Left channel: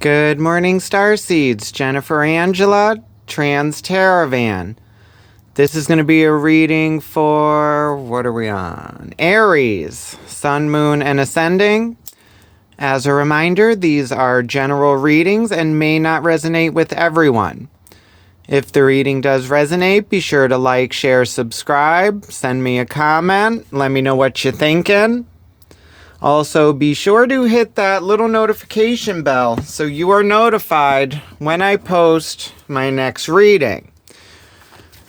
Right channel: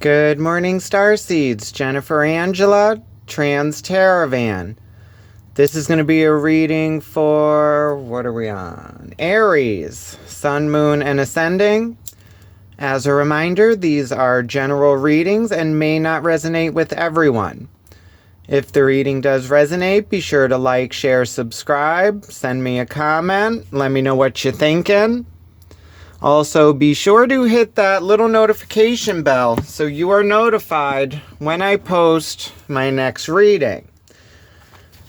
Good morning, Starseeds. Jennifer Angela, Trans Taravan. This is going to be a reading for, what are we on? Aries, Sun, Moon, and Ascending. As a reminder, these are general readings and may not resonate with everyone. If the reading does resonate, be sure to like, share, subscribe, send me a comment, let me know what you're thinking. Also, be sure to hit that little notification bell so you are notified when I post my next reading.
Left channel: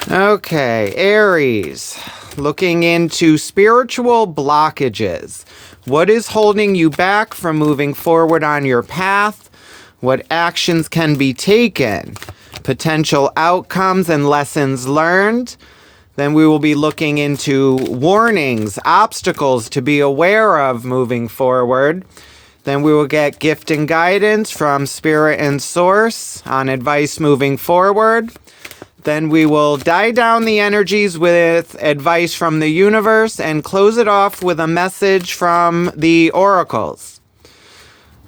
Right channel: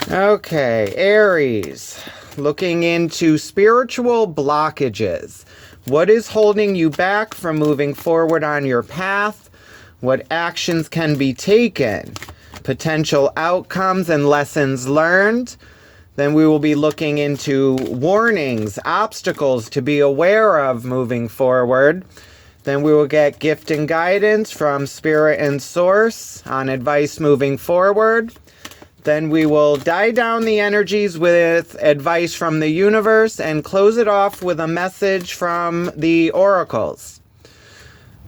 Okay, Aries, looking into spiritual blockages. What is holding you back from moving forward on your path? What actions can be taken? Potential outcomes and lessons learned. Then we will be looking into warnings, obstacles to be aware of moving forward. Then we will get gift and guidance from Spirit and Source on advice moving forward. Then we will die down the energies with advice from the universe and close it off with a message from the oracles.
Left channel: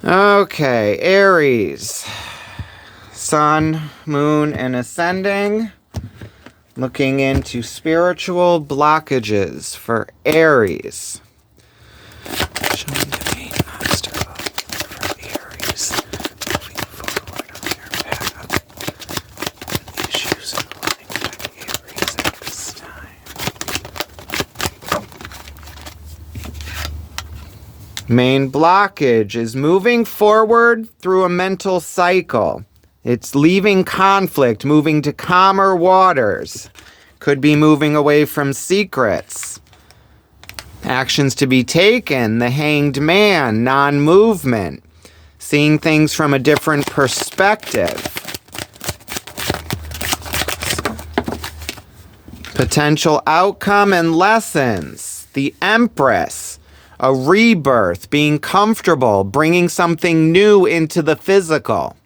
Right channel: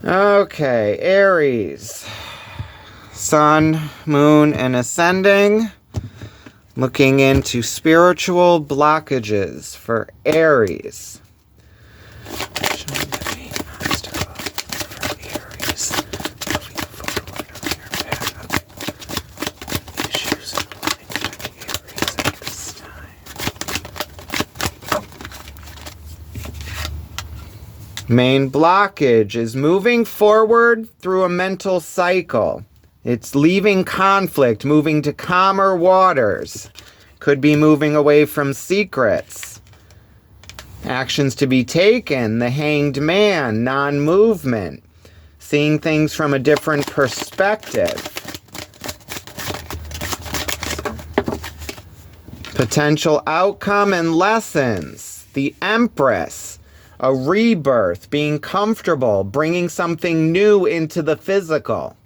Okay, Aries, Sun, Moon, and Ascending. Looking into spiritual blockages for Aries. Show me the main obstacle for Aries moving forward on their path. Issues aligning Aries at this time. Main blockage is moving forward through a mental cycle. It's leaving conflict, moving to calmer waters. Could be moving away from secrets. Actions to be taken, the Hanged Man, non-movement. Seeing things from a different perspective. Potential outcome and lessons. The Empress, a rebirth, being comfortable, bringing something new into the physical.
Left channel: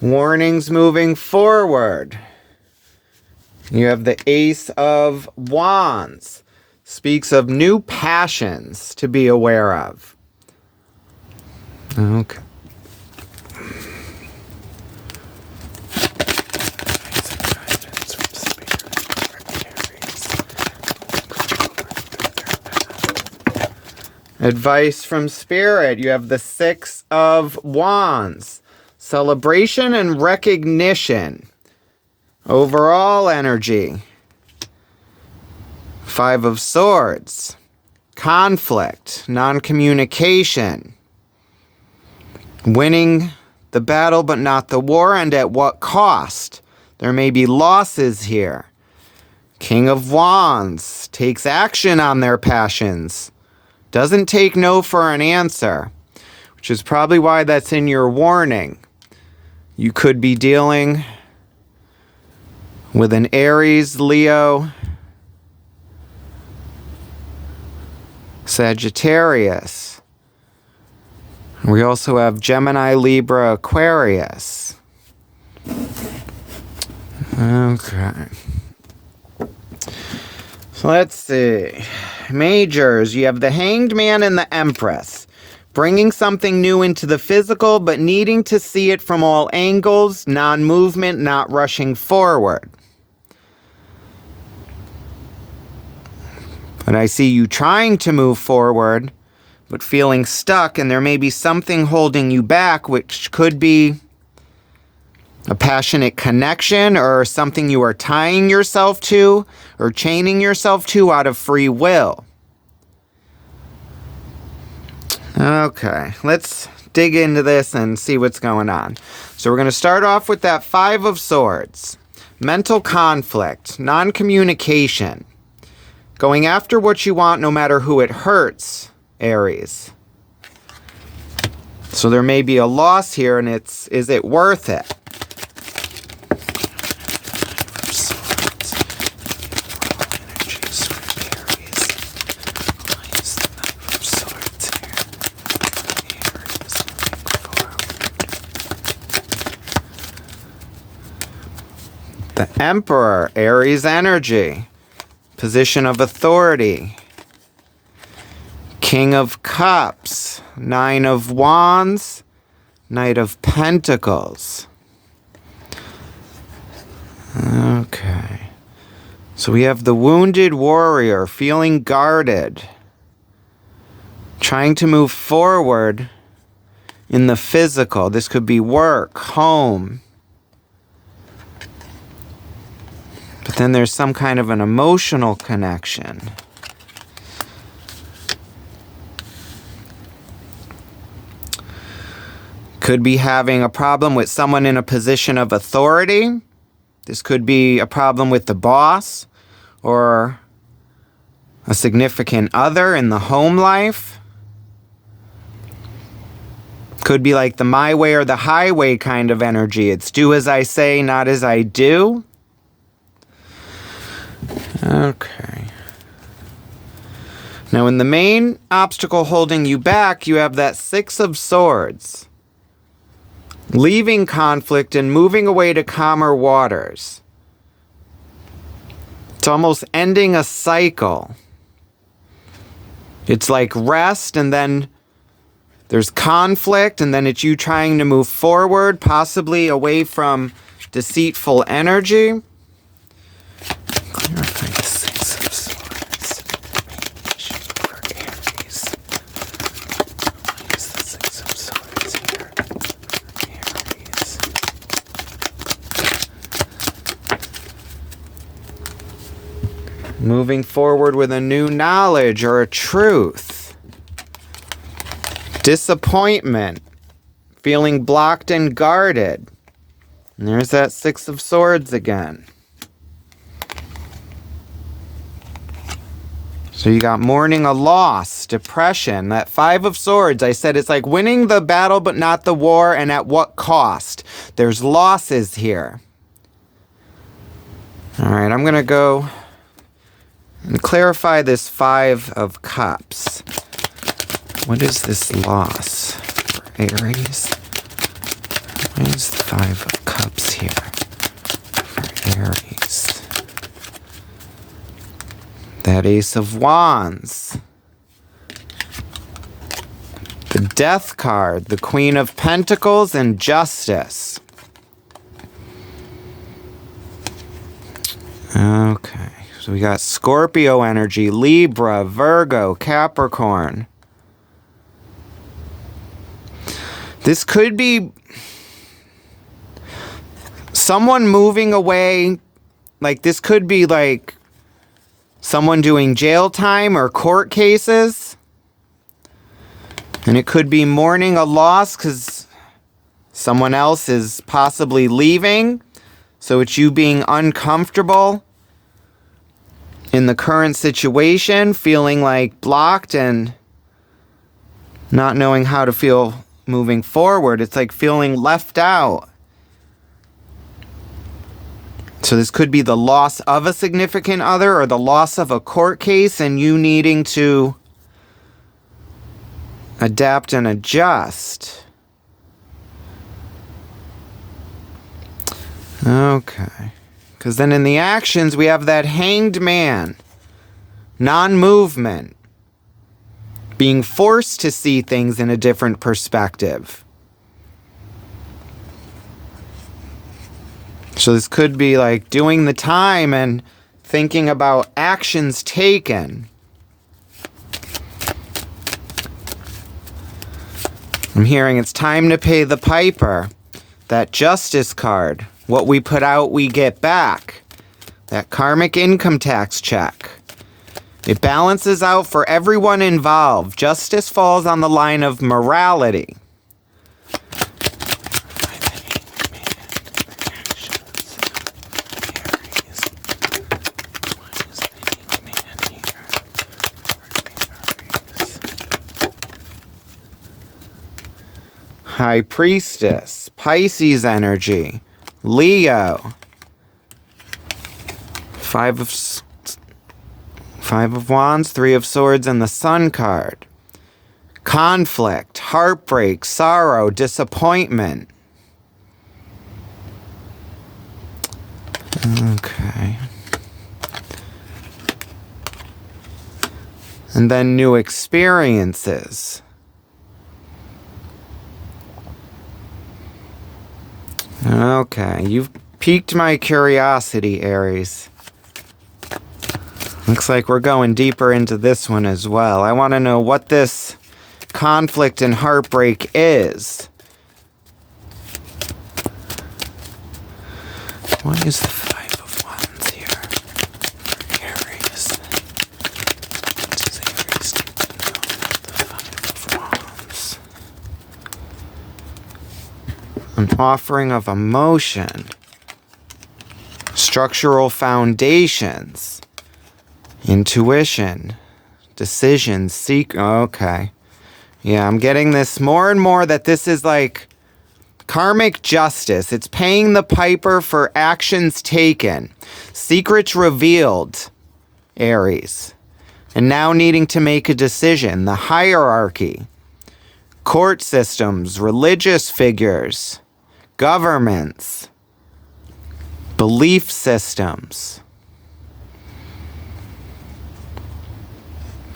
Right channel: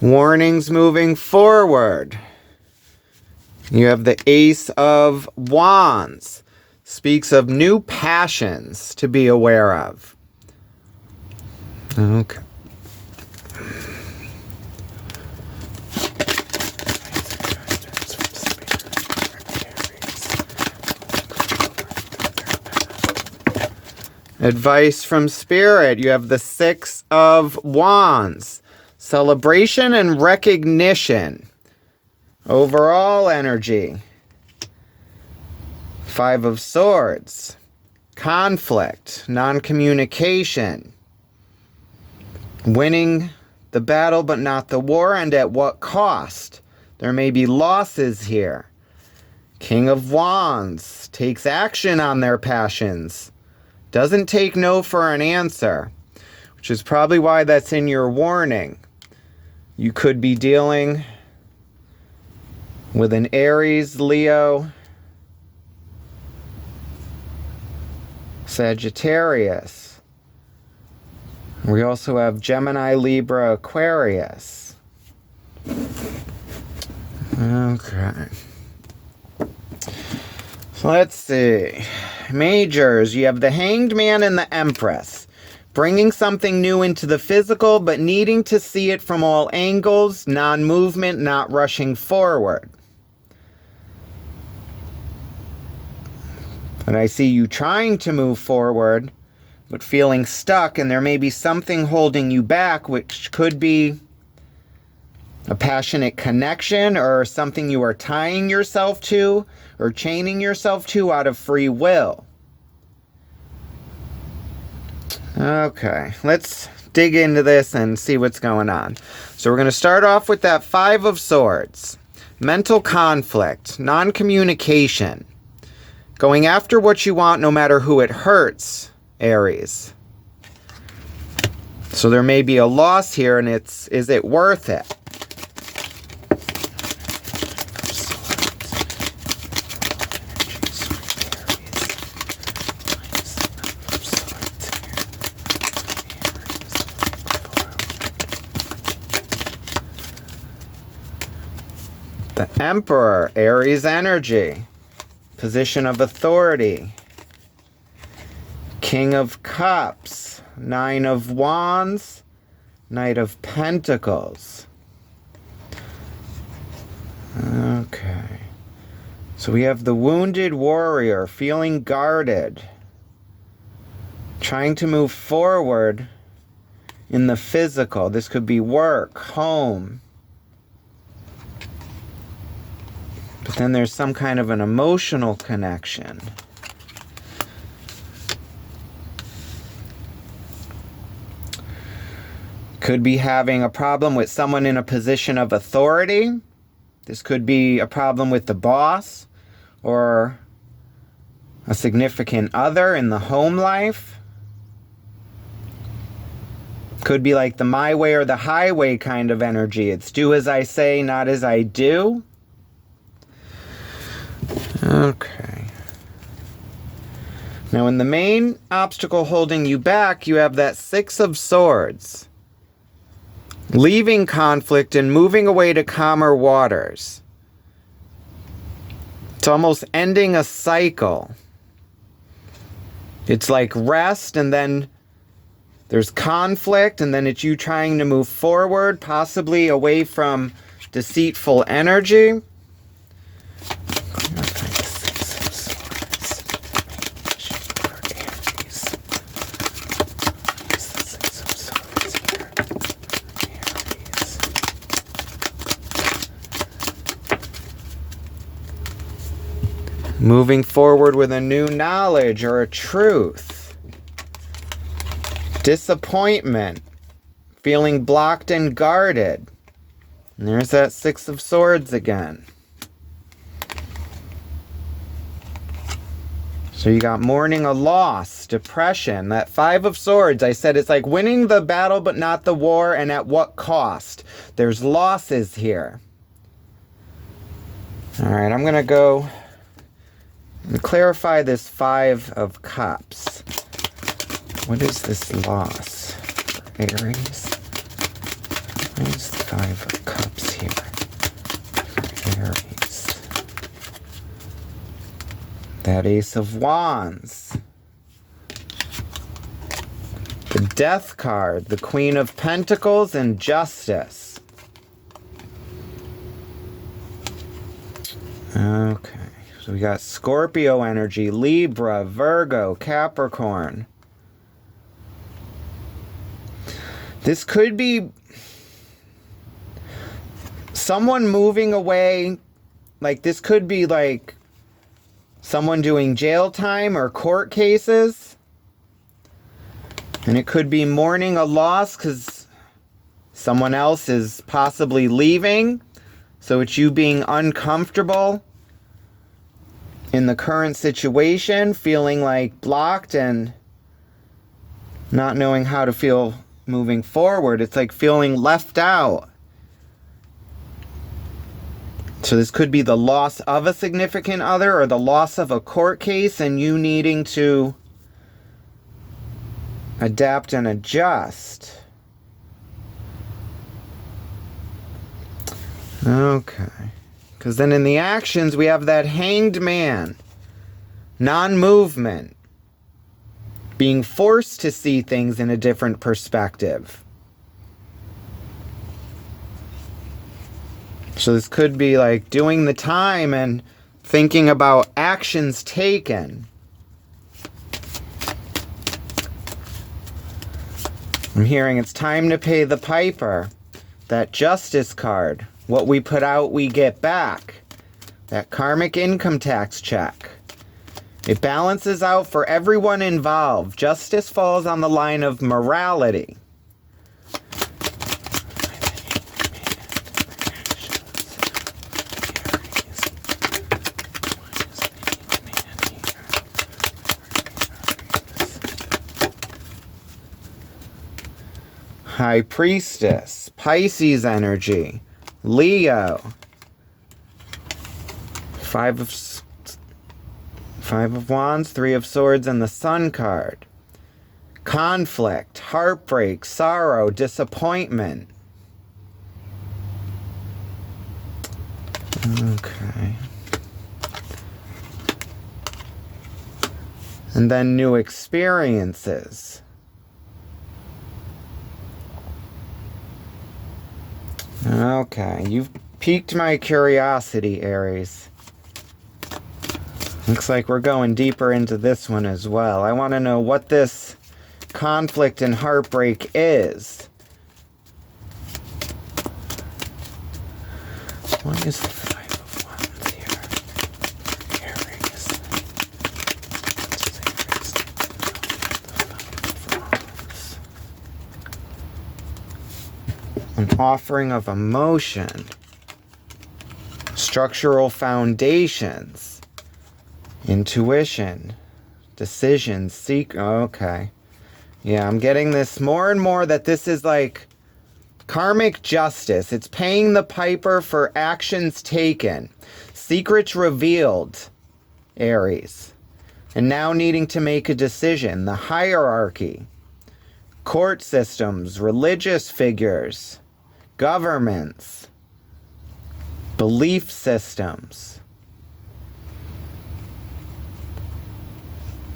Warnings moving forward. You have the Ace of Wands. Speaks of new passions to be aware of. Okay. Advice from Spirit. You have the Six of Wands. Celebration and recognition. Overall energy. Five of Swords. Conflict. Non-communication. Winning the battle but not the war, and at what cost? There may be losses here. King of Wands. Takes action on their passions. Doesn't take no for an answer, which is probably why that's in your warning. You could be dealing with an Aries, Leo, Sagittarius. We also have Gemini, Libra, Aquarius. Okay. So let's see. Majors, you have the Hanged Man and the Empress. Bringing something new into the physical, but needing to see it from all angles, non-movement, not rushing forward. But I see you trying to move forward, but feeling stuck, and there may be something holding you back, which could be a passionate connection or something you are tying yourself to or chaining yourself to out of free will. Okay, let's dig into this and see what's going on. So we're going to start off with that Five of Swords. Mental conflict, non-communication. Going after what you want no matter who it hurts, Aries. So there may be a loss here, and is it worth it? The Emperor, Aries energy. Position of authority. King of Cups, Nine of Wands, Knight of Pentacles. Okay. So we have the wounded warrior, feeling guarded. Trying to move forward in the physical. This could be work, home. But then there's some kind of an emotional connection. Could be having a problem with someone in a position of authority. This could be a problem with the boss or a significant other in the home life. Could be like the my way or the highway kind of energy. It's do as I say, not as I do. Okay. Now in the main obstacle holding you back, you have that Six of Swords. Leaving conflict and moving away to calmer waters. It's almost ending a cycle. It's like rest and then there's conflict and then it's you trying to move forward, possibly away from deceitful energy. Moving forward with a new knowledge or a truth. Disappointment. Feeling blocked and guarded. And there's that Six of Swords again. So you got mourning a loss, depression. That Five of Swords, I said it's like winning the battle but not the war, and at what cost? There's losses here. All right, I'm going to go and clarify this Five of Cups. What is this loss for Aries? What is the Five of Cups here for Aries? That Ace of Wands. The Death card, the Queen of Pentacles, and Justice. Okay. So we got Scorpio energy, Libra, Virgo, Capricorn. This could be someone moving away. Like this could be like someone doing jail time or court cases. And it could be mourning a loss because someone else is possibly leaving. So it's you being uncomfortable in the current situation, feeling like blocked and not knowing how to feel moving forward. It's like feeling left out. So this could be the loss of a significant other or the loss of a court case and you needing to adapt and adjust. Okay. Because then in the actions, we have that Hanged Man. Non-movement. Being forced to see things in a different perspective. So this could be like doing the time and thinking about actions taken. I'm hearing it's time to pay the piper. That Justice card. What we put out, we get back. That karmic income tax check. It balances out for everyone involved. Justice falls on the line of morality. High Priestess, Pisces energy, Leo, Five of Wands, Three of Swords, and the Sun card. Conflict, heartbreak, sorrow, disappointment. Okay. And then new experiences. Okay, you've piqued my curiosity, Aries. Looks like we're going deeper into this one as well. I want to know what this conflict and heartbreak is. What is the Five of Wands here? Aries. What does Aries need to know? The Five of Wands. An offering of emotion. Structural foundations. Intuition. Decisions. Okay. Yeah, I'm getting this more and more that this is like karmic justice. It's paying the piper for actions taken. Secrets revealed, Aries. And now needing to make a decision. The hierarchy. Court systems. Religious figures. Governments. Belief systems.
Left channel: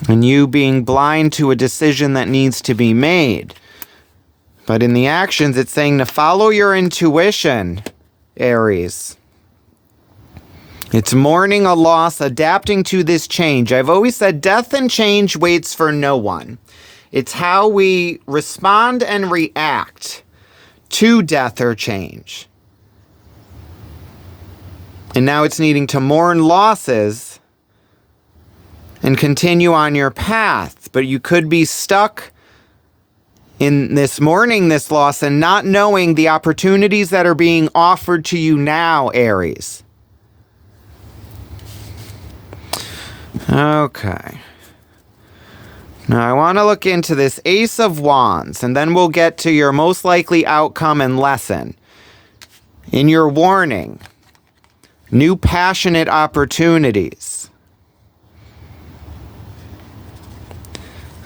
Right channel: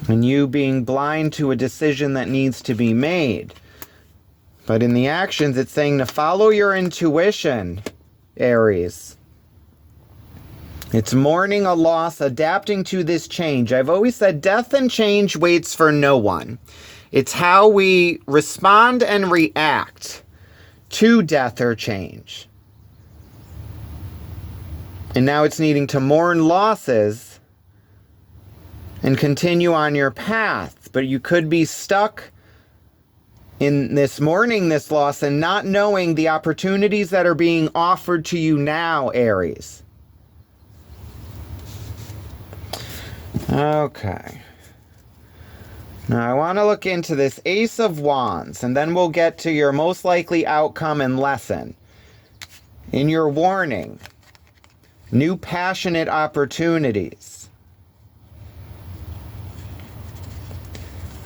And you being blind to a decision that needs to be made. But in the actions, it's saying to follow your intuition, Aries. It's mourning a loss, adapting to this change. I've always said death and change waits for no one. It's how we respond and react to death or change. And now it's needing to mourn losses and continue on your path. But you could be stuck in this mourning this loss and not knowing the opportunities that are being offered to you now, Aries. Okay. Now I want to look into this Ace of Wands, and then we'll get to your most likely outcome and lesson. In your warning, new passionate opportunities.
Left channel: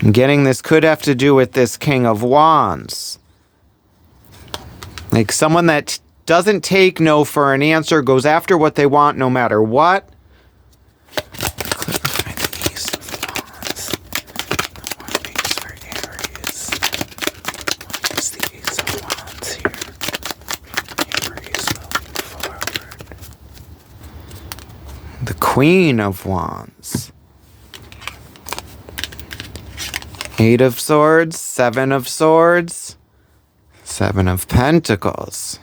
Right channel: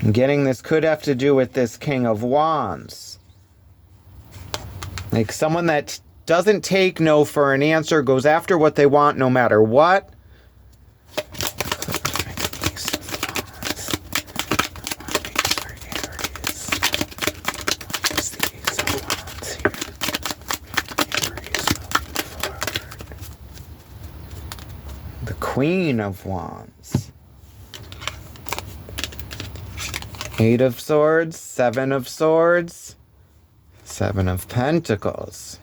I'm getting this could have to do with this King of Wands. Like someone that doesn't take no for an answer, goes after what they want no matter what. The Queen of Wands. Eight of Swords, Seven of Swords, Seven of Pentacles.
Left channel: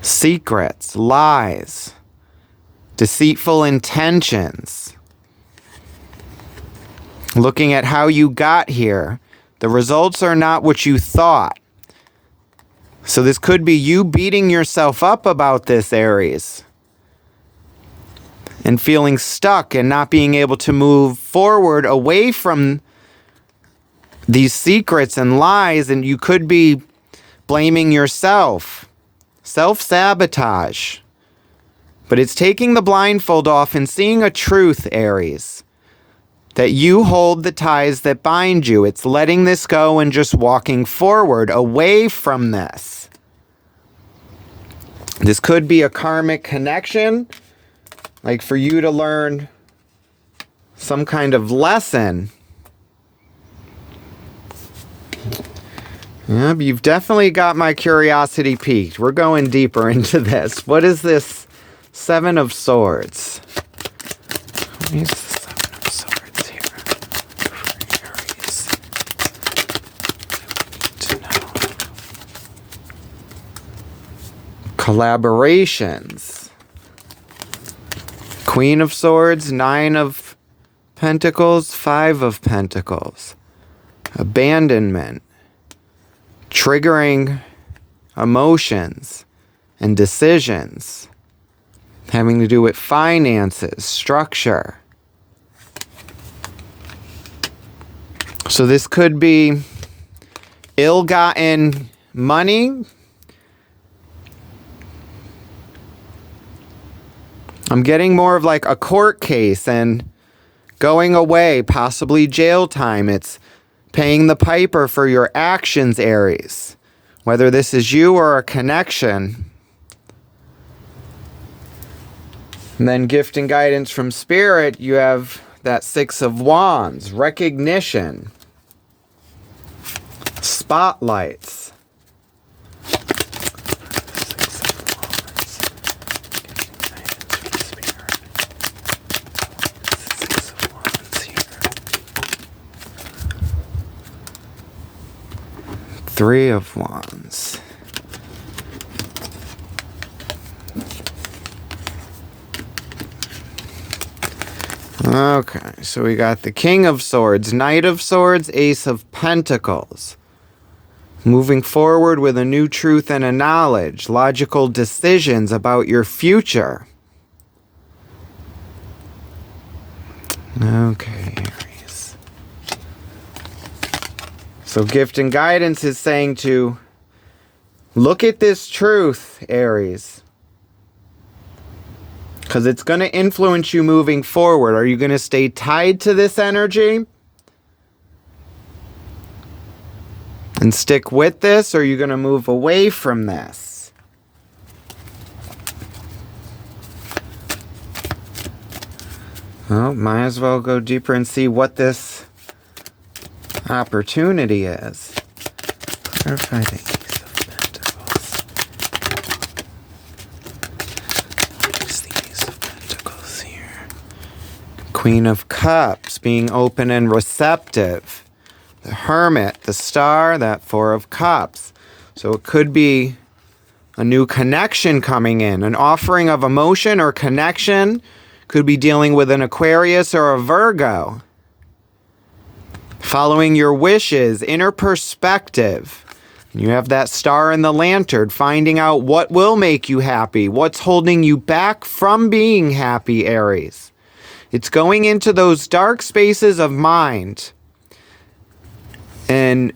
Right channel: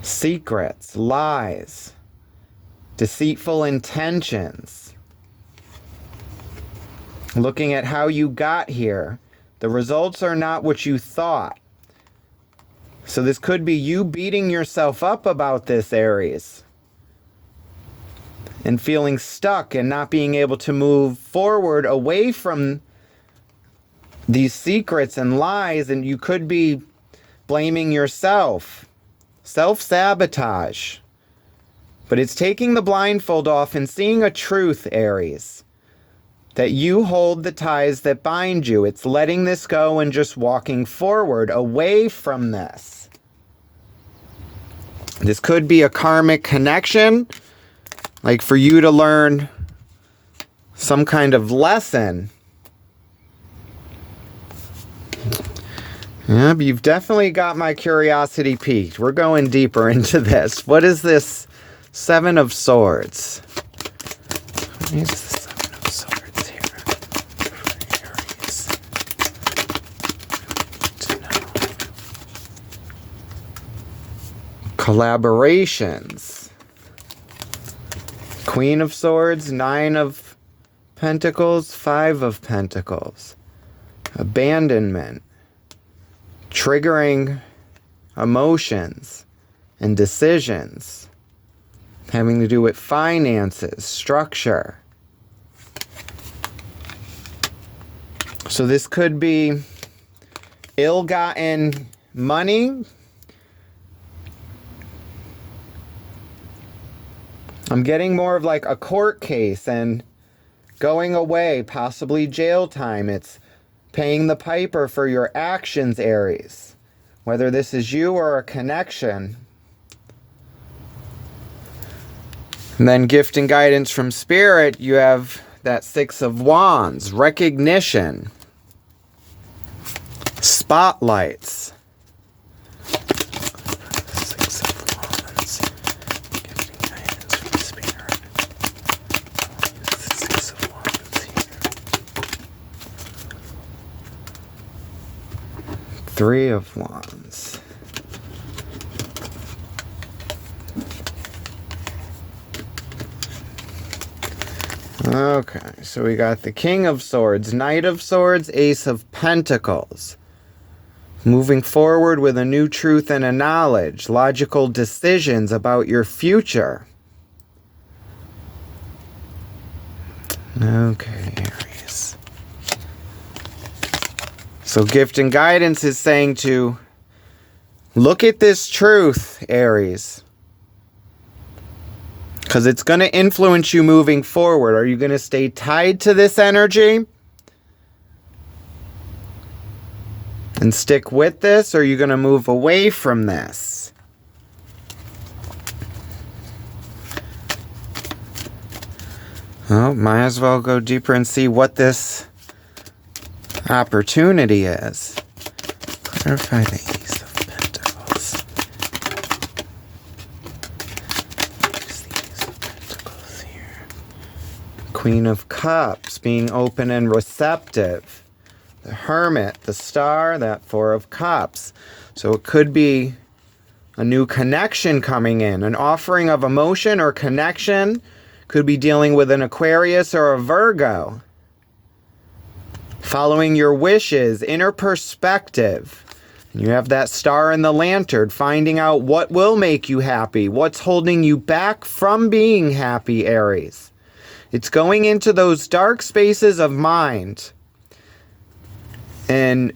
Secrets, lies, deceitful intentions. Looking at how you got here, the results are not what you thought. So this could be you beating yourself up about this, Aries. And feeling stuck and not being able to move forward away from these secrets and lies, and you could be blaming yourself. Self-sabotage. But it's taking the blindfold off and seeing a truth, Aries. That you hold the ties that bind you. It's letting this go and just walking forward away from this. This could be a karmic connection. Like for you to learn some kind of lesson. Yep, you've definitely got my curiosity piqued. We're going deeper into this. What is this Seven of Swords? What is the Seven of Swords here? Collaborations. Queen of Swords, Nine of Pentacles, Five of Pentacles. Abandonment. Triggering emotions and decisions having to do with finances, structure. So this could be ill-gotten money. I'm getting more of like a court case and going away, possibly jail time. It's paying the piper for your actions, Aries. Whether this is you or a connection. And then gift and guidance from Spirit, you have that Six of Wands, recognition, spotlights. Six of Wands, gift and guidance from Spirit. Six of Wands here. Three of Wands. Okay, so we got the King of Swords, Knight of Swords, Ace of Pentacles. Moving forward with a new truth and a knowledge, logical decisions about your future. Okay, Aries. So gift and guidance is saying to look at this truth, Aries. Because it's going to influence you moving forward. Are you going to stay tied to this energy and stick with this? Or are you going to move away from this? Well, might as well go deeper and see what this opportunity is. Clarify the Ace of Pentacles. What's the Ace of Pentacles here? Queen of Cups, being open and receptive. The Hermit, the Star, that Four of Cups. So it could be a new connection coming in, an offering of emotion or connection. Could be dealing with an Aquarius or a Virgo. Following your wishes, inner perspective. You have that Star in the Lantern, finding out what will make you happy, what's holding you back from being happy, Aries. It's going into those dark spaces of mind and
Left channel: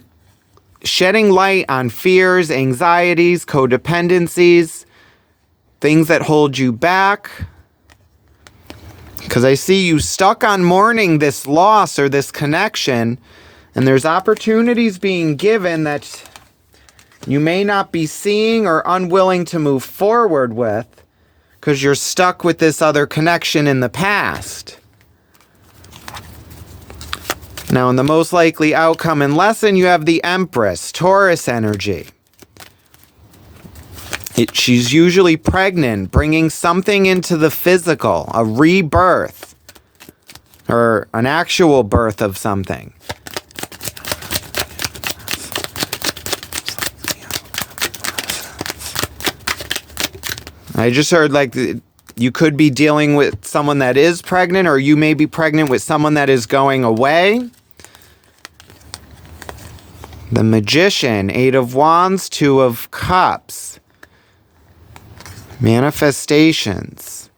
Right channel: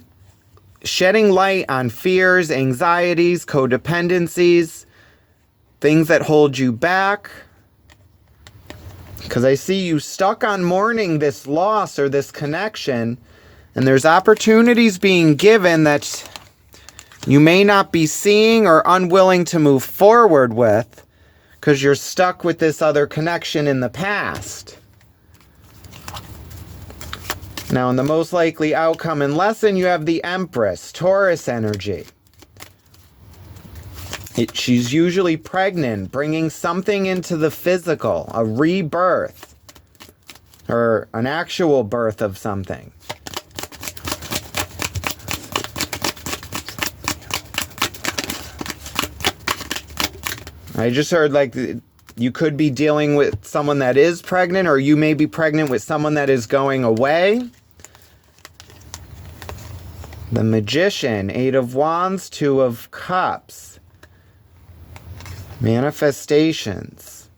shedding light on fears, anxieties, codependencies, things that hold you back. Because I see you stuck on mourning this loss or this connection, and there's opportunities being given that you may not be seeing or unwilling to move forward with because you're stuck with this other connection in the past. Now, in the most likely outcome and lesson, you have the Empress, Taurus energy. She's usually pregnant, bringing something into the physical, a rebirth, or an actual birth of something. I just heard like you could be dealing with someone that is pregnant, or you may be pregnant with someone that is going away. The Magician, Eight of Wands, Two of Cups. Manifestations.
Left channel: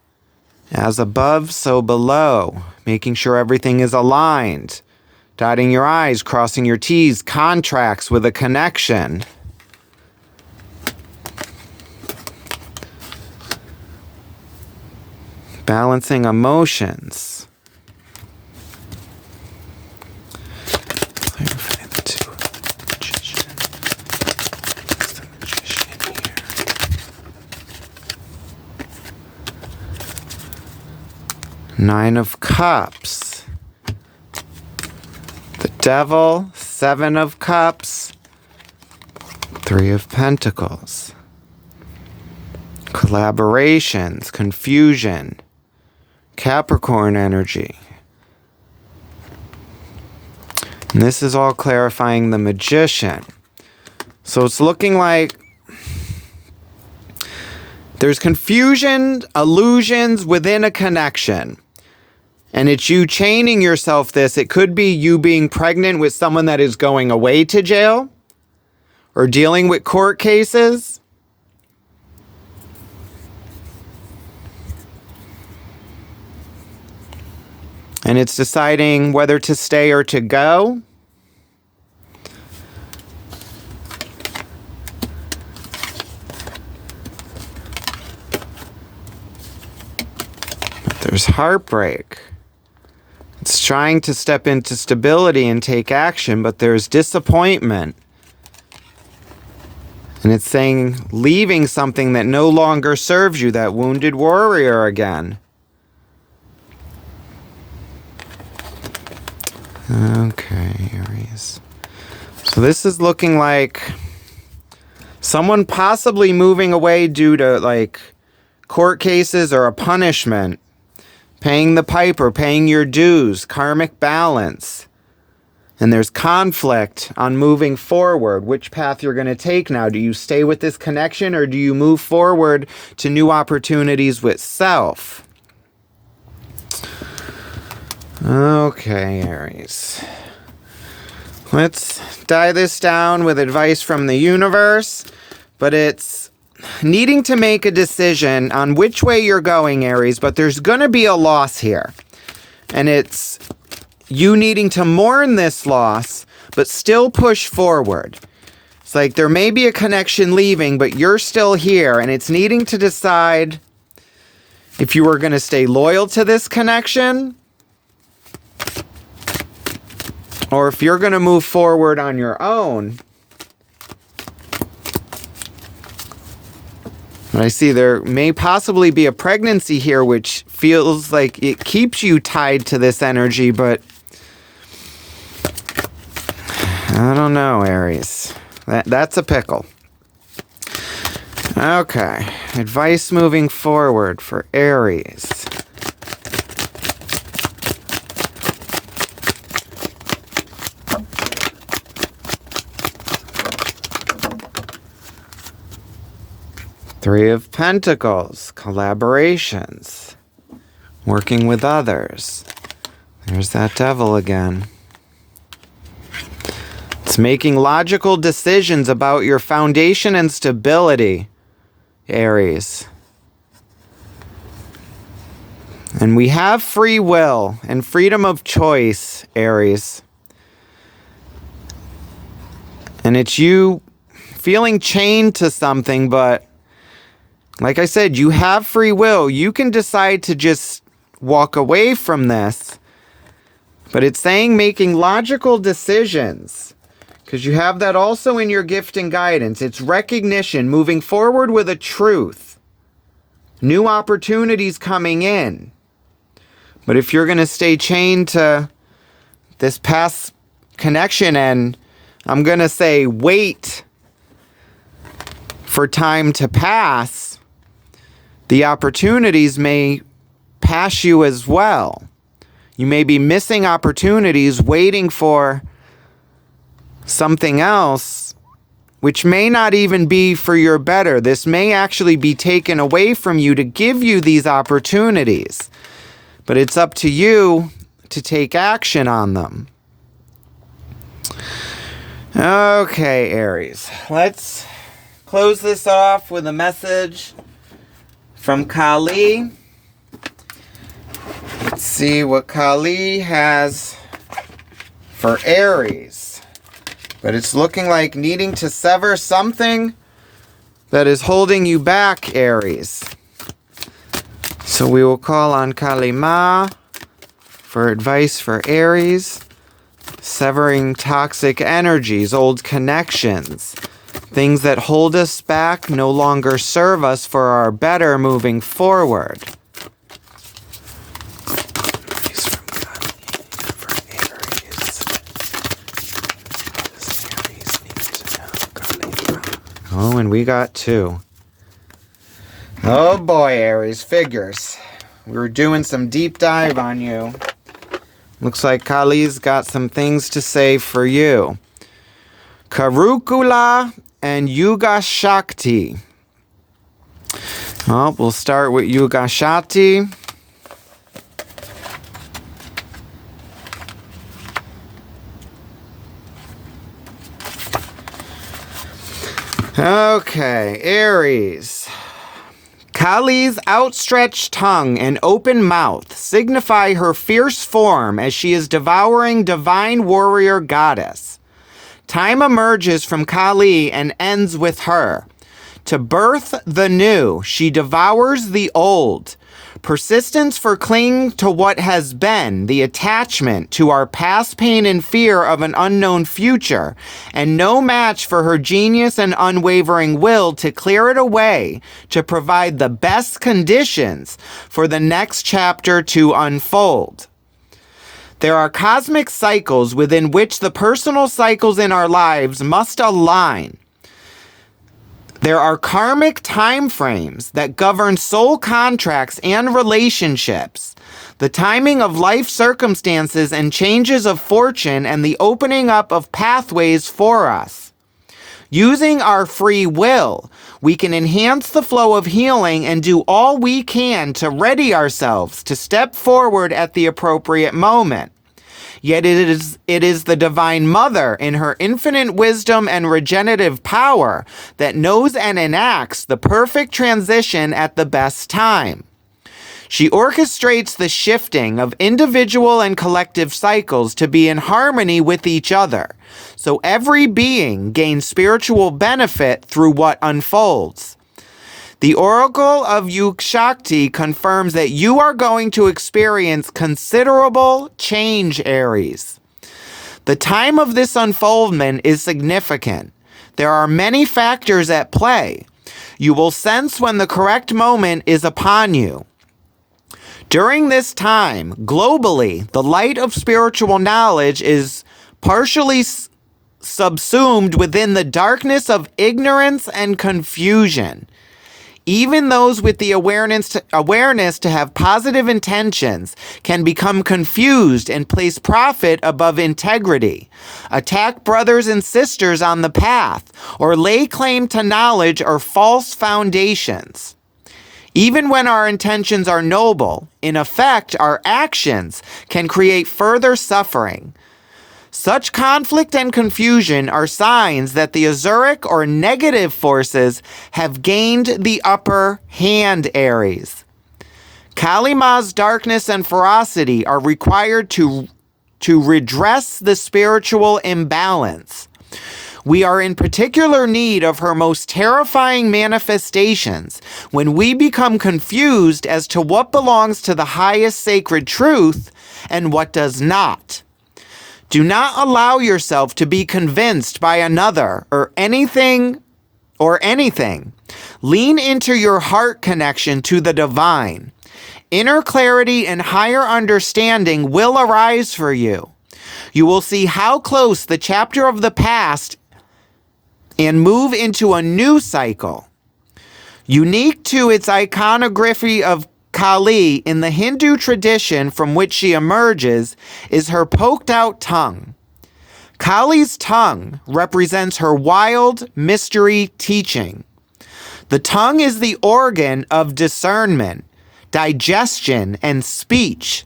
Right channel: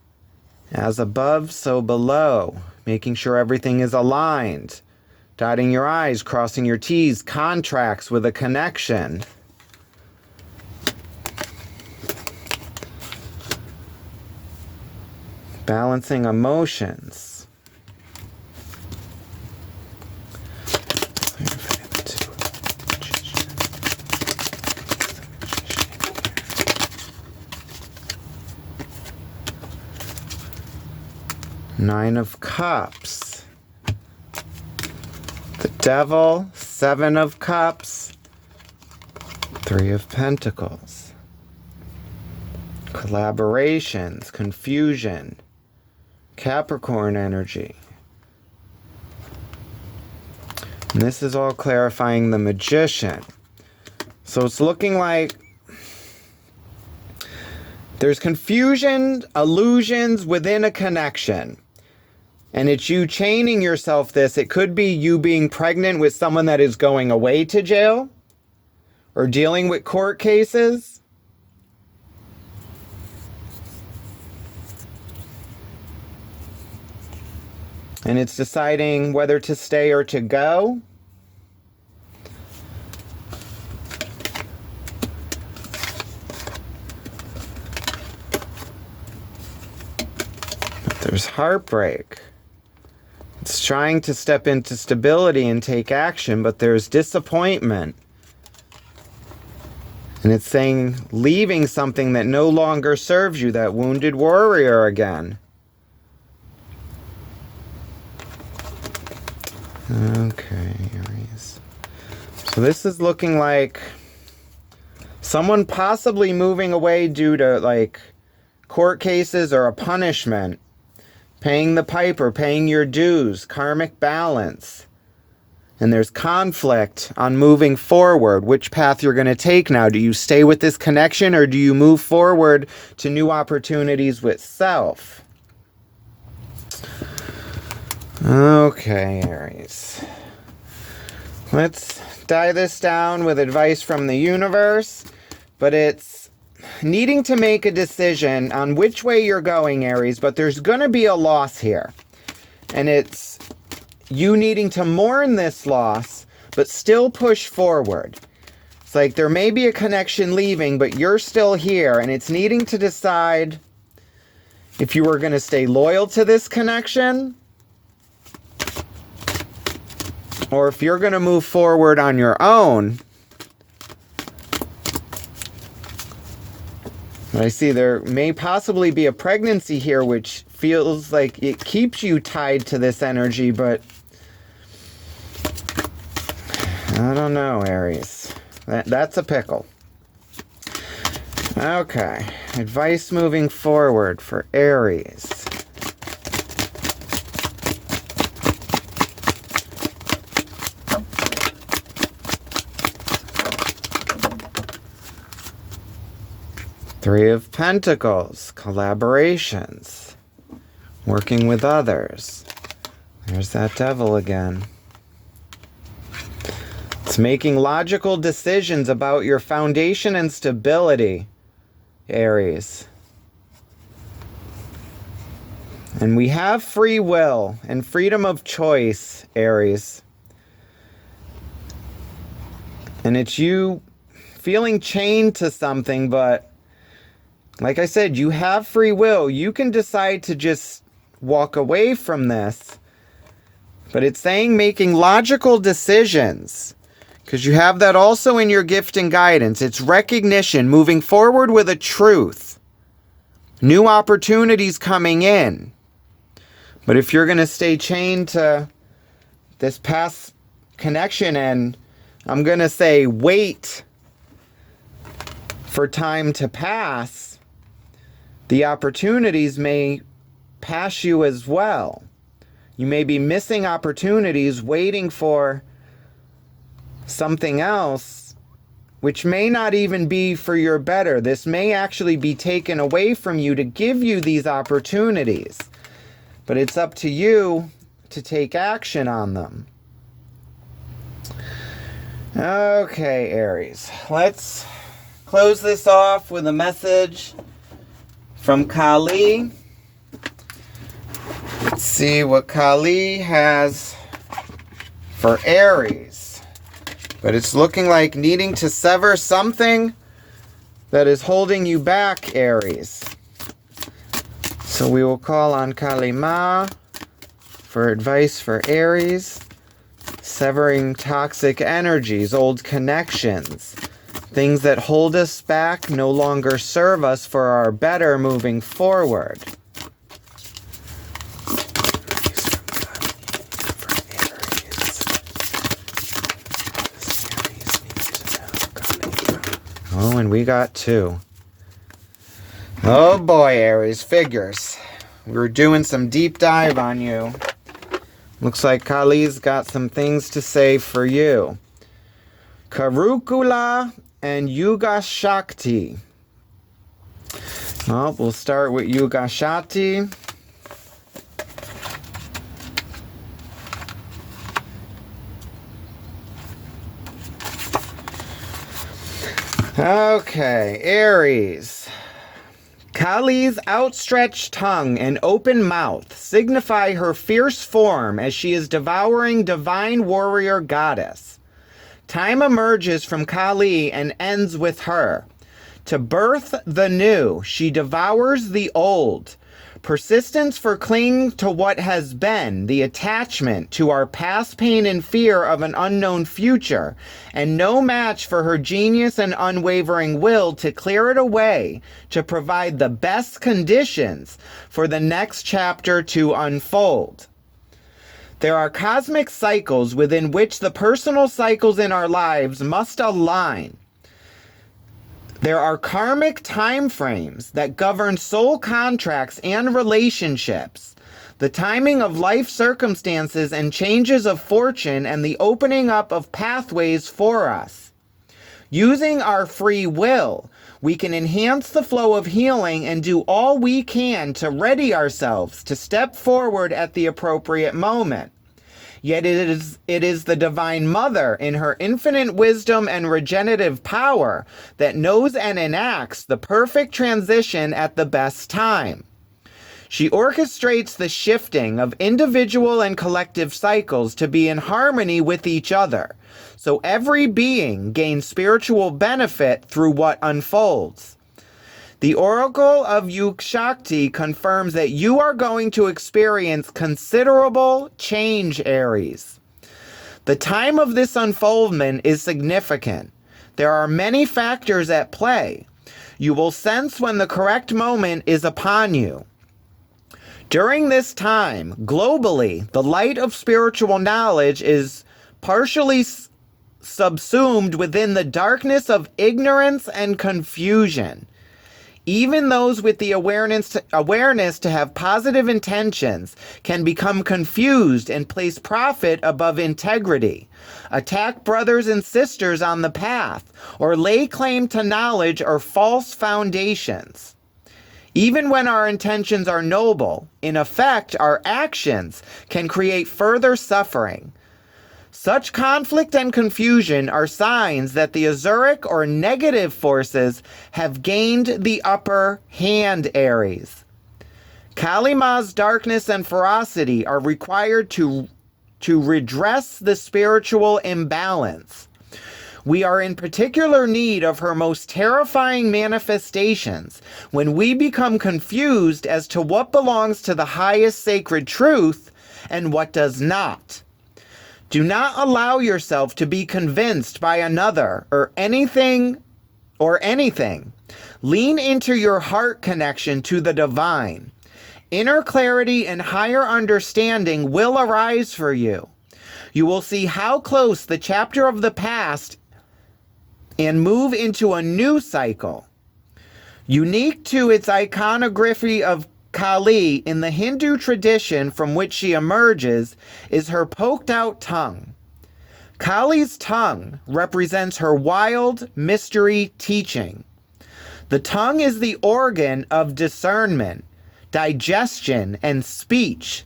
As above, so below. Making sure everything is aligned. Dotting your I's, crossing your T's. Contracts with a connection. Balancing emotions. Nine of Cups. The Devil, Seven of Cups. Three of Pentacles. Collaborations, confusion. Capricorn energy. And this is all clarifying the Magician. So it's looking like there's confusion, illusions within a connection. And it's you chaining yourself this. It could be you being pregnant with someone that is going away to jail or dealing with court cases. And it's deciding whether to stay or to go. But there's heartbreak. It's trying to step into stability and take action, but there's disappointment. And it's saying leaving something that no longer serves you, that wounded warrior again. Okay, Aries. So this is looking like someone possibly moving away due to like court cases or a punishment. Paying the piper, paying your dues, karmic balance. And there's conflict on moving forward, which path you're going to take now. Do you stay with this connection or do you move forward to new opportunities with self? Okay, Aries. Let's dive this down with advice from the universe, but it's needing to make a decision on which way you're going, Aries, but there's going to be a loss here. And it's you needing to mourn this loss, but still push forward. It's like there may be a connection leaving, but you're still here, and it's needing to decide if you are going to stay loyal to this connection or if you're going to move forward on your own. I see there may possibly be a pregnancy here, which feels like it keeps you tied to this energy, but I don't know, Aries. That's a pickle. Okay, advice moving forward for Aries. Three of Pentacles, collaborations, working with others. There's that devil again. It's making logical decisions about your foundation and stability, Aries. And we have free will and freedom of choice, Aries. And it's you feeling chained to something, but like I said, you have free will. You can decide to just walk away from this. But it's saying making logical decisions. Because you have that also in your gift and guidance. It's recognition, moving forward with a truth. New opportunities coming in. But if you're going to stay chained to this past connection and I'm going to say wait for time to pass, the opportunities may pass you as well. You may be missing opportunities, waiting for something else, which may not even be for your better. This may actually be taken away from you to give you these opportunities. But it's up to you to take action on them. Okay, Aries. Let's close this off with a message from Kali. Let's see what Kali has for Aries. But it's looking like needing to sever something that is holding you back, Aries. So we will call on Kali Ma for advice for Aries. Severing toxic energies, old connections. Things that hold us back no longer serve us for our better moving forward. Oh, and we got two. Oh boy, Aries, figures. We were doing some deep dive on you. Looks like Kali's got some things to say for you. Karukula and Yuga Shakti. Well, we'll start with Yuga Shakti. Okay, Aries. Kali's outstretched tongue and open mouth signify her fierce form as she is devouring divine warrior goddess. Time emerges from Kali and ends with her. To birth the new, she devours the old. Persistence for clinging to what has been, the attachment to our past pain and fear of an unknown future, and no match for her genius and unwavering will to clear it away, to provide the best conditions for the next chapter to unfold. There are cosmic cycles within which the personal cycles in our lives must align. There are karmic time frames that govern soul contracts and relationships, the timing of life circumstances and changes of fortune, and the opening up of pathways for us. Using our free will, we can enhance the flow of healing and do all we can to ready ourselves to step forward at the appropriate moment. Yet it is the Divine Mother in her infinite wisdom and regenerative power that knows and enacts the perfect transition at the best time. She orchestrates the shifting of individual and collective cycles to be in harmony with each other, so every being gains spiritual benefit through what unfolds. The Oracle of Yug-Shakti confirms that you are going to experience considerable change, Aries. The time of this unfoldment is significant. There are many factors at play. You will sense when the correct moment is upon you. During this time, globally, the light of spiritual knowledge is partially subsumed within the darkness of ignorance and confusion. Even those with the awareness to have positive intentions can become confused and place profit above integrity, attack brothers and sisters on the path, or lay claim to knowledge or false foundations. Even when our intentions are noble, in effect, our actions can create further suffering. Such conflict and confusion are signs that the Azuric or negative forces have gained the upper hand, Aries. Kali Ma's darkness and ferocity are required to redress the spiritual imbalance. We are in particular need of her most terrifying manifestations when we become confused as to what belongs to the highest sacred truth and what does not. Do not allow yourself to be convinced by another or anything. Lean into your heart connection to the divine. Inner clarity and higher understanding will arise for you. You will see how close the chapter of the past and move into a new cycle. Unique to its iconography of Kali in the Hindu tradition from which she emerges is her poked out tongue. Kali's tongue represents her wild mystery teaching. The tongue is the organ of discernment, digestion, and speech.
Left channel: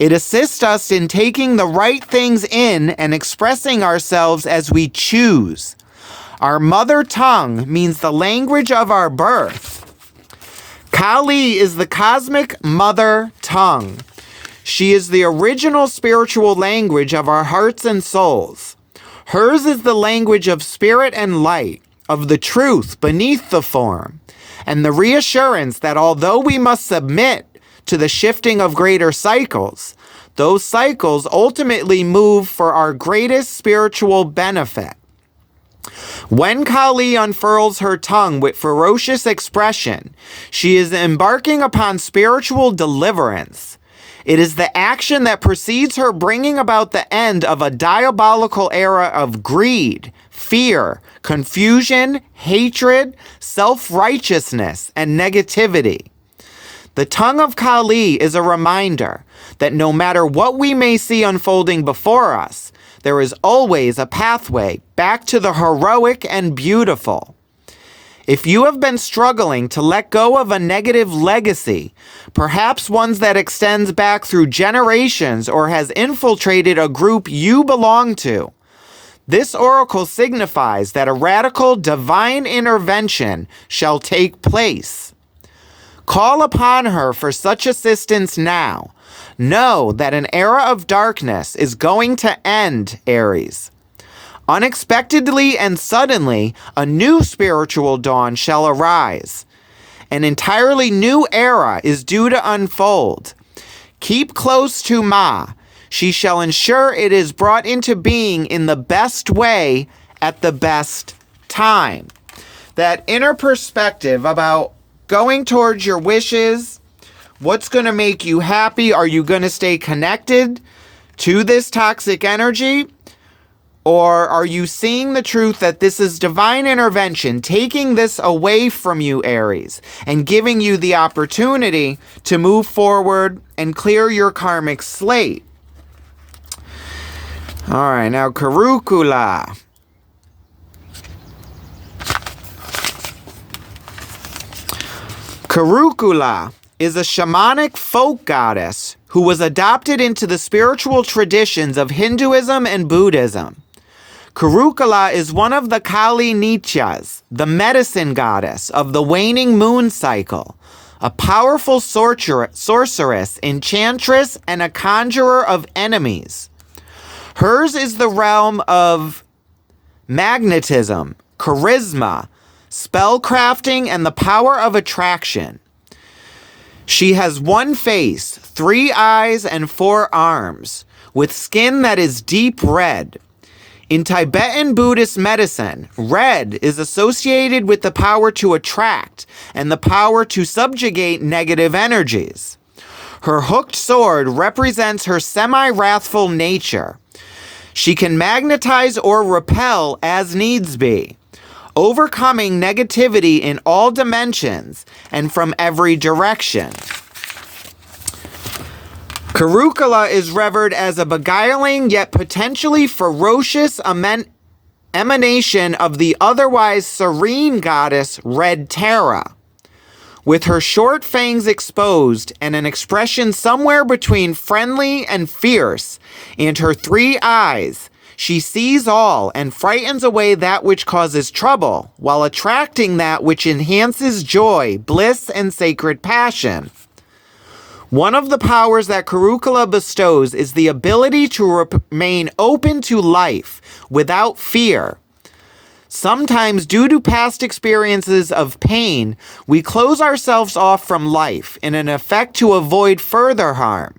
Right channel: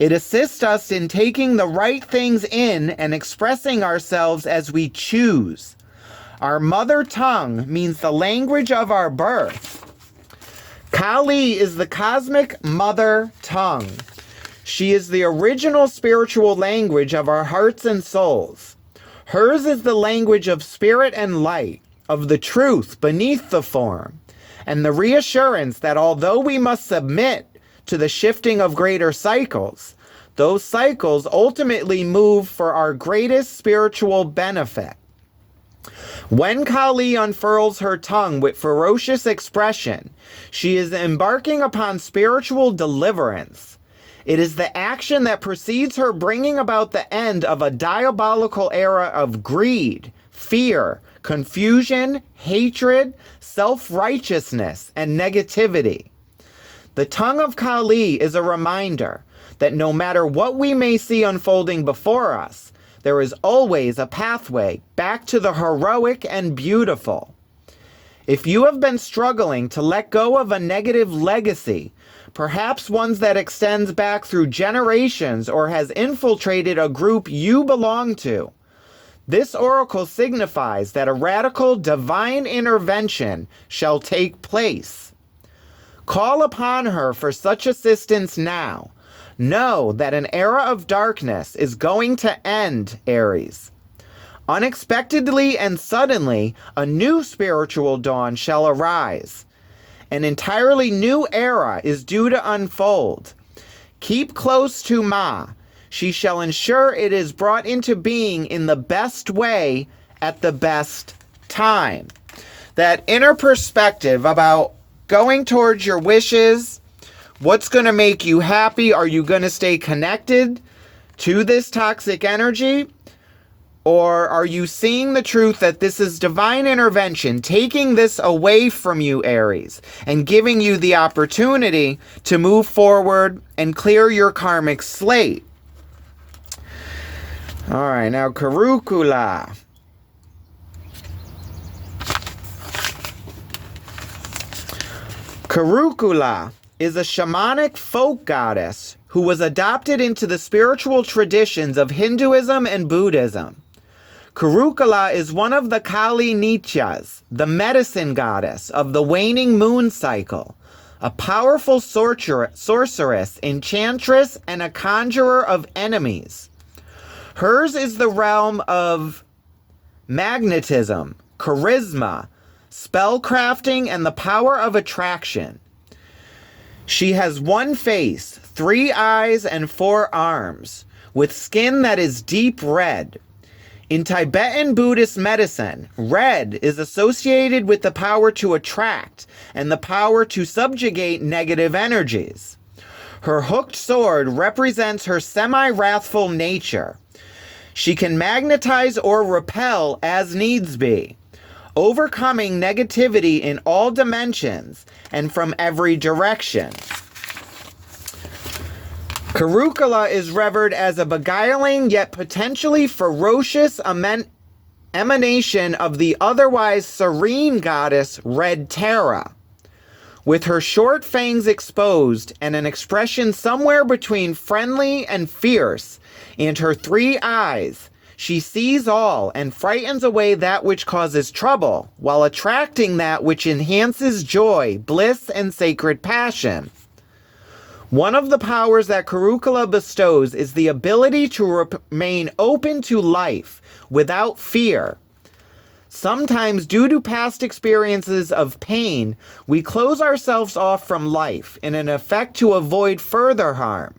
It assists us in taking the right things in and expressing ourselves as we choose. Our mother tongue means the language of our birth. Kali is the cosmic mother tongue. She is the original spiritual language of our hearts and souls. Hers is the language of spirit and light, of the truth beneath the form, and the reassurance that although we must submit to the shifting of greater cycles, those cycles ultimately move for our greatest spiritual benefit. When Kali unfurls her tongue with ferocious expression, she is embarking upon spiritual deliverance. It is the action that precedes her bringing about the end of a diabolical era of greed, fear, confusion, hatred, self-righteousness, and negativity. The tongue of Kali is a reminder that no matter what we may see unfolding before us, there is always a pathway back to the heroic and beautiful. If you have been struggling to let go of a negative legacy, perhaps one that extends back through generations or has infiltrated a group you belong to, this oracle signifies that a radical divine intervention shall take place. Call upon her for such assistance now. Know that an era of darkness is going to end, Aries. Unexpectedly and suddenly, a new spiritual dawn shall arise. An entirely new era is due to unfold. Keep close to Ma. She shall ensure it is brought into being in the best way at the best time. That inner perspective about going towards your wishes. What's going to make you happy? Are you going to stay connected to this toxic energy? Or are you seeing the truth that this is divine intervention, taking this away from you, Aries, and giving you the opportunity to move forward and clear your karmic slate? All right, now Karukula. Karukula is a shamanic folk goddess who was adopted into the spiritual traditions of Hinduism and Buddhism. Karukula is one of the Kali Nityas, the medicine goddess of the waning moon cycle, a powerful sorceress, enchantress, and a conjurer of enemies. Hers is the realm of magnetism, charisma, spellcrafting, and the power of attraction. She has one face, 3 eyes, and 4 arms, with skin that is deep red. In Tibetan Buddhist medicine, red is associated with the power to attract and the power to subjugate negative energies. Her hooked sword represents her semi-wrathful nature. She can magnetize or repel as needs be, overcoming negativity in all dimensions and from every direction. Karukula is revered as a beguiling yet potentially ferocious emanation of the otherwise serene goddess Red Tara. With her short fangs exposed and an expression somewhere between friendly and fierce, and her 3 eyes, she sees all and frightens away that which causes trouble, while attracting that which enhances joy, bliss, and sacred passion. One of the powers that Karukula bestows is the ability to remain open to life without fear. Sometimes, due to past experiences of pain, we close ourselves off from life in an effort to avoid further harm.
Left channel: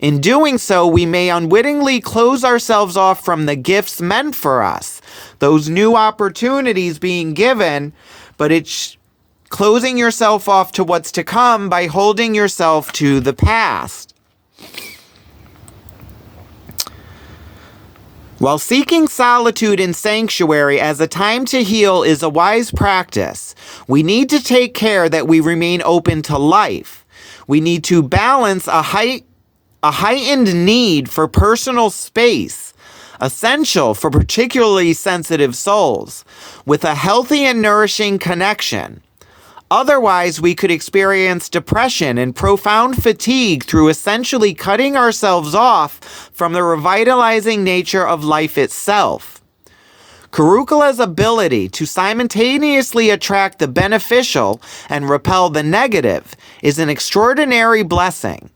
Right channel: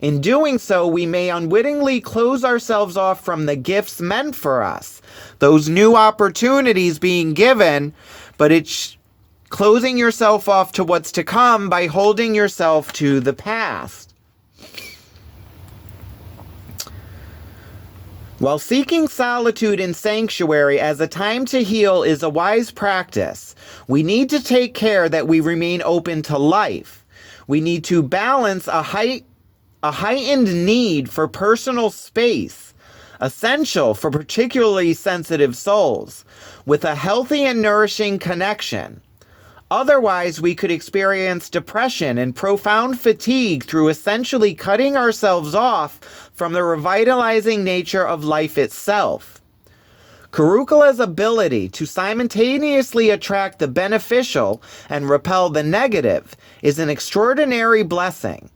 In doing so, we may unwittingly close ourselves off from the gifts meant for us, those new opportunities being given, but it's closing yourself off to what's to come by holding yourself to the past. While seeking solitude and sanctuary as a time to heal is a wise practice, we need to take care that we remain open to life. We need to balance a heightened need for personal space, essential for particularly sensitive souls, with a healthy and nourishing connection. Otherwise, we could experience depression and profound fatigue through essentially cutting ourselves off from the revitalizing nature of life itself. Karukula's ability to simultaneously attract the beneficial and repel the negative is an extraordinary blessing.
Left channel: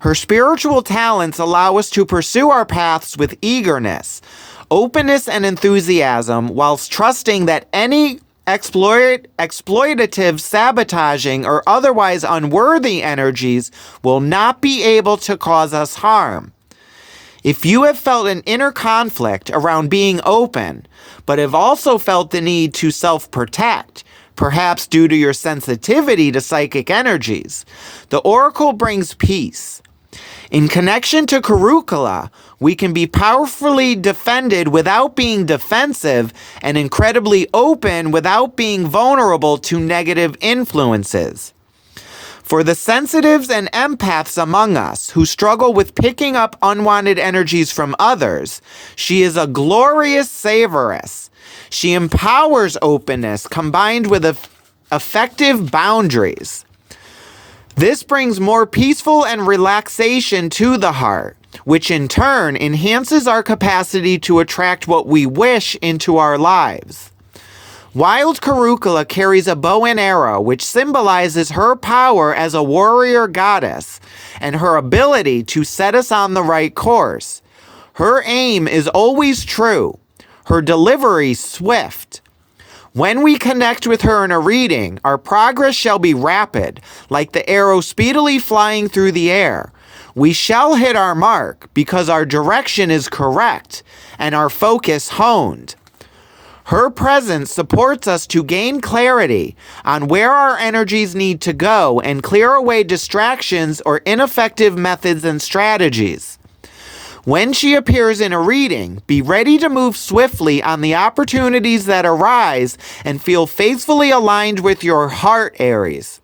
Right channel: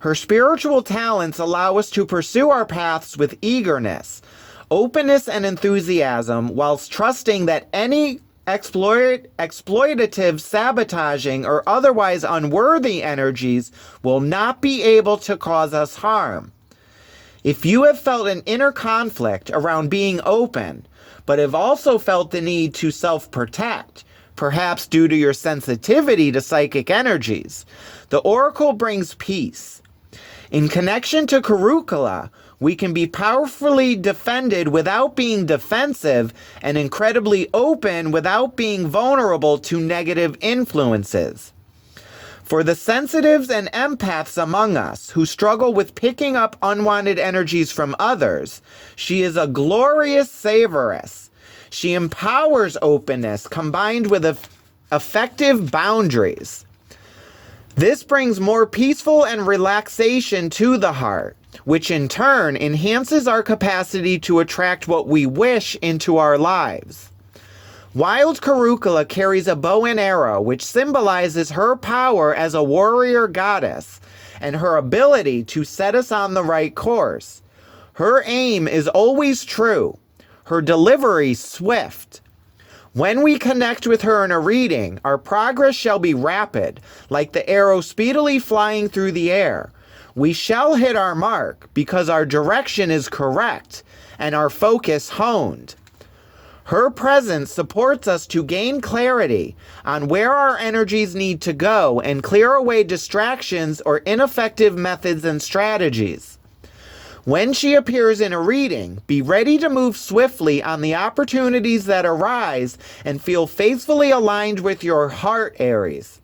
Her spiritual talents allow us to pursue our paths with eagerness, openness, and enthusiasm, whilst trusting that any exploitative, sabotaging, or otherwise unworthy energies will not be able to cause us harm. If you have felt an inner conflict around being open, but have also felt the need to self-protect, perhaps due to your sensitivity to psychic energies, the oracle brings peace. In connection to Karukula, we can be powerfully defended without being defensive and incredibly open without being vulnerable to negative influences. For the sensitives and empaths among us who struggle with picking up unwanted energies from others, she is a glorious savoress. She empowers openness combined with effective boundaries. This brings more peaceful and relaxation to the heart, which in turn enhances our capacity to attract what we wish into our lives. Wild Karukula carries a bow and arrow, which symbolizes her power as a warrior goddess and her ability to set us on the right course. Her aim is always true, her delivery swift. When we connect with her in a reading, our progress shall be rapid, like the arrow speedily flying through the air. We shall hit our mark because our direction is correct and our focus honed. Her presence supports us to gain clarity on where our energies need to go and clear away distractions or ineffective methods and strategies. When she appears in a reading, be ready to move swiftly on the opportunities that arise and feel faithfully aligned with your heart, Aries.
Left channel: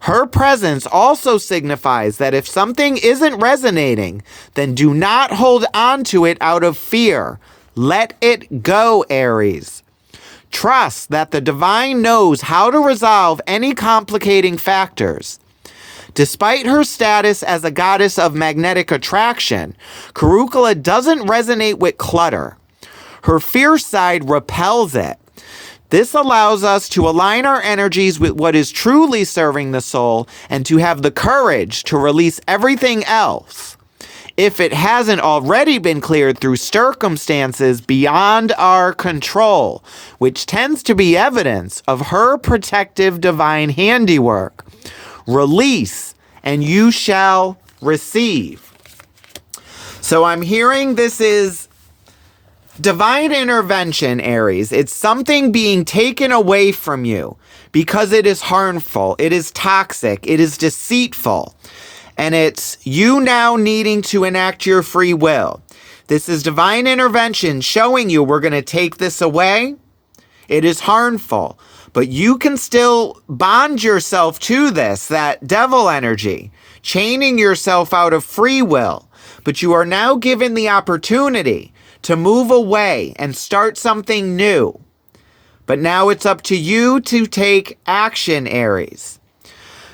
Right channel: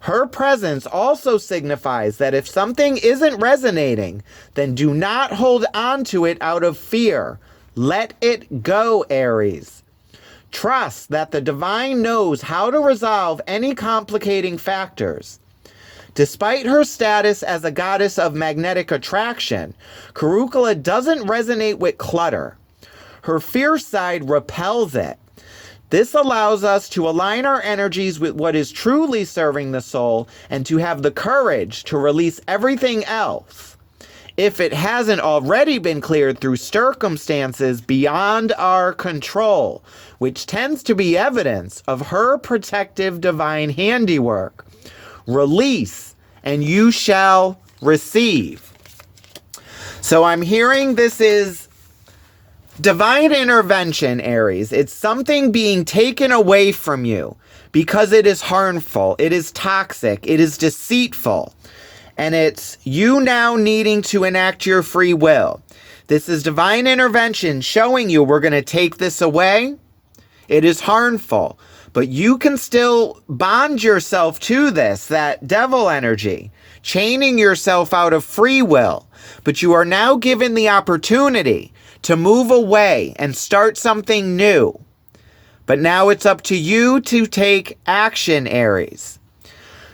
Her presence also signifies that if something isn't resonating, then do not hold on to it out of fear. Let it go, Aries. Trust that the divine knows how to resolve any complicating factors. Despite her status as a goddess of magnetic attraction, Karukala doesn't resonate with clutter. Her fierce side repels it. This allows us to align our energies with what is truly serving the soul and to have the courage to release everything else, if it hasn't already been cleared through circumstances beyond our control, which tends to be evidence of her protective divine handiwork. Release, and you shall receive. So I'm hearing this is divine intervention, Aries. It's something being taken away from you because it is harmful, it is toxic, it is deceitful, and it's you now needing to enact your free will. This is divine intervention showing you we're going to take this away. It is harmful. But you can still bond yourself to this, that devil energy, chaining yourself out of free will. But you are now given the opportunity to move away and start something new. But now it's up to you to take action, Aries.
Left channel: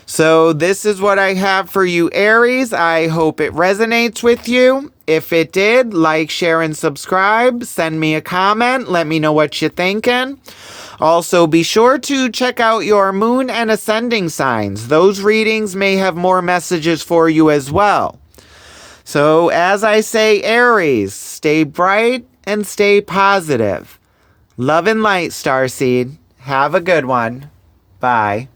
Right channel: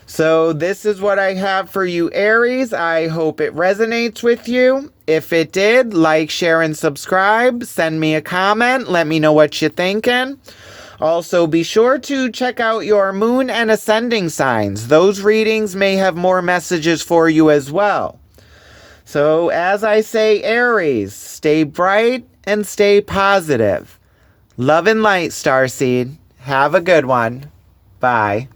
So this is what I have for you, Aries. I hope it resonates with you. If it did, like, share, and subscribe. Send me a comment. Let me know what you're thinking. Also, be sure to check out your moon and ascending signs. Those readings may have more messages for you as well. So, as I say, Aries, stay bright and stay positive. Love and light, Starseed. Have a good one. Bye.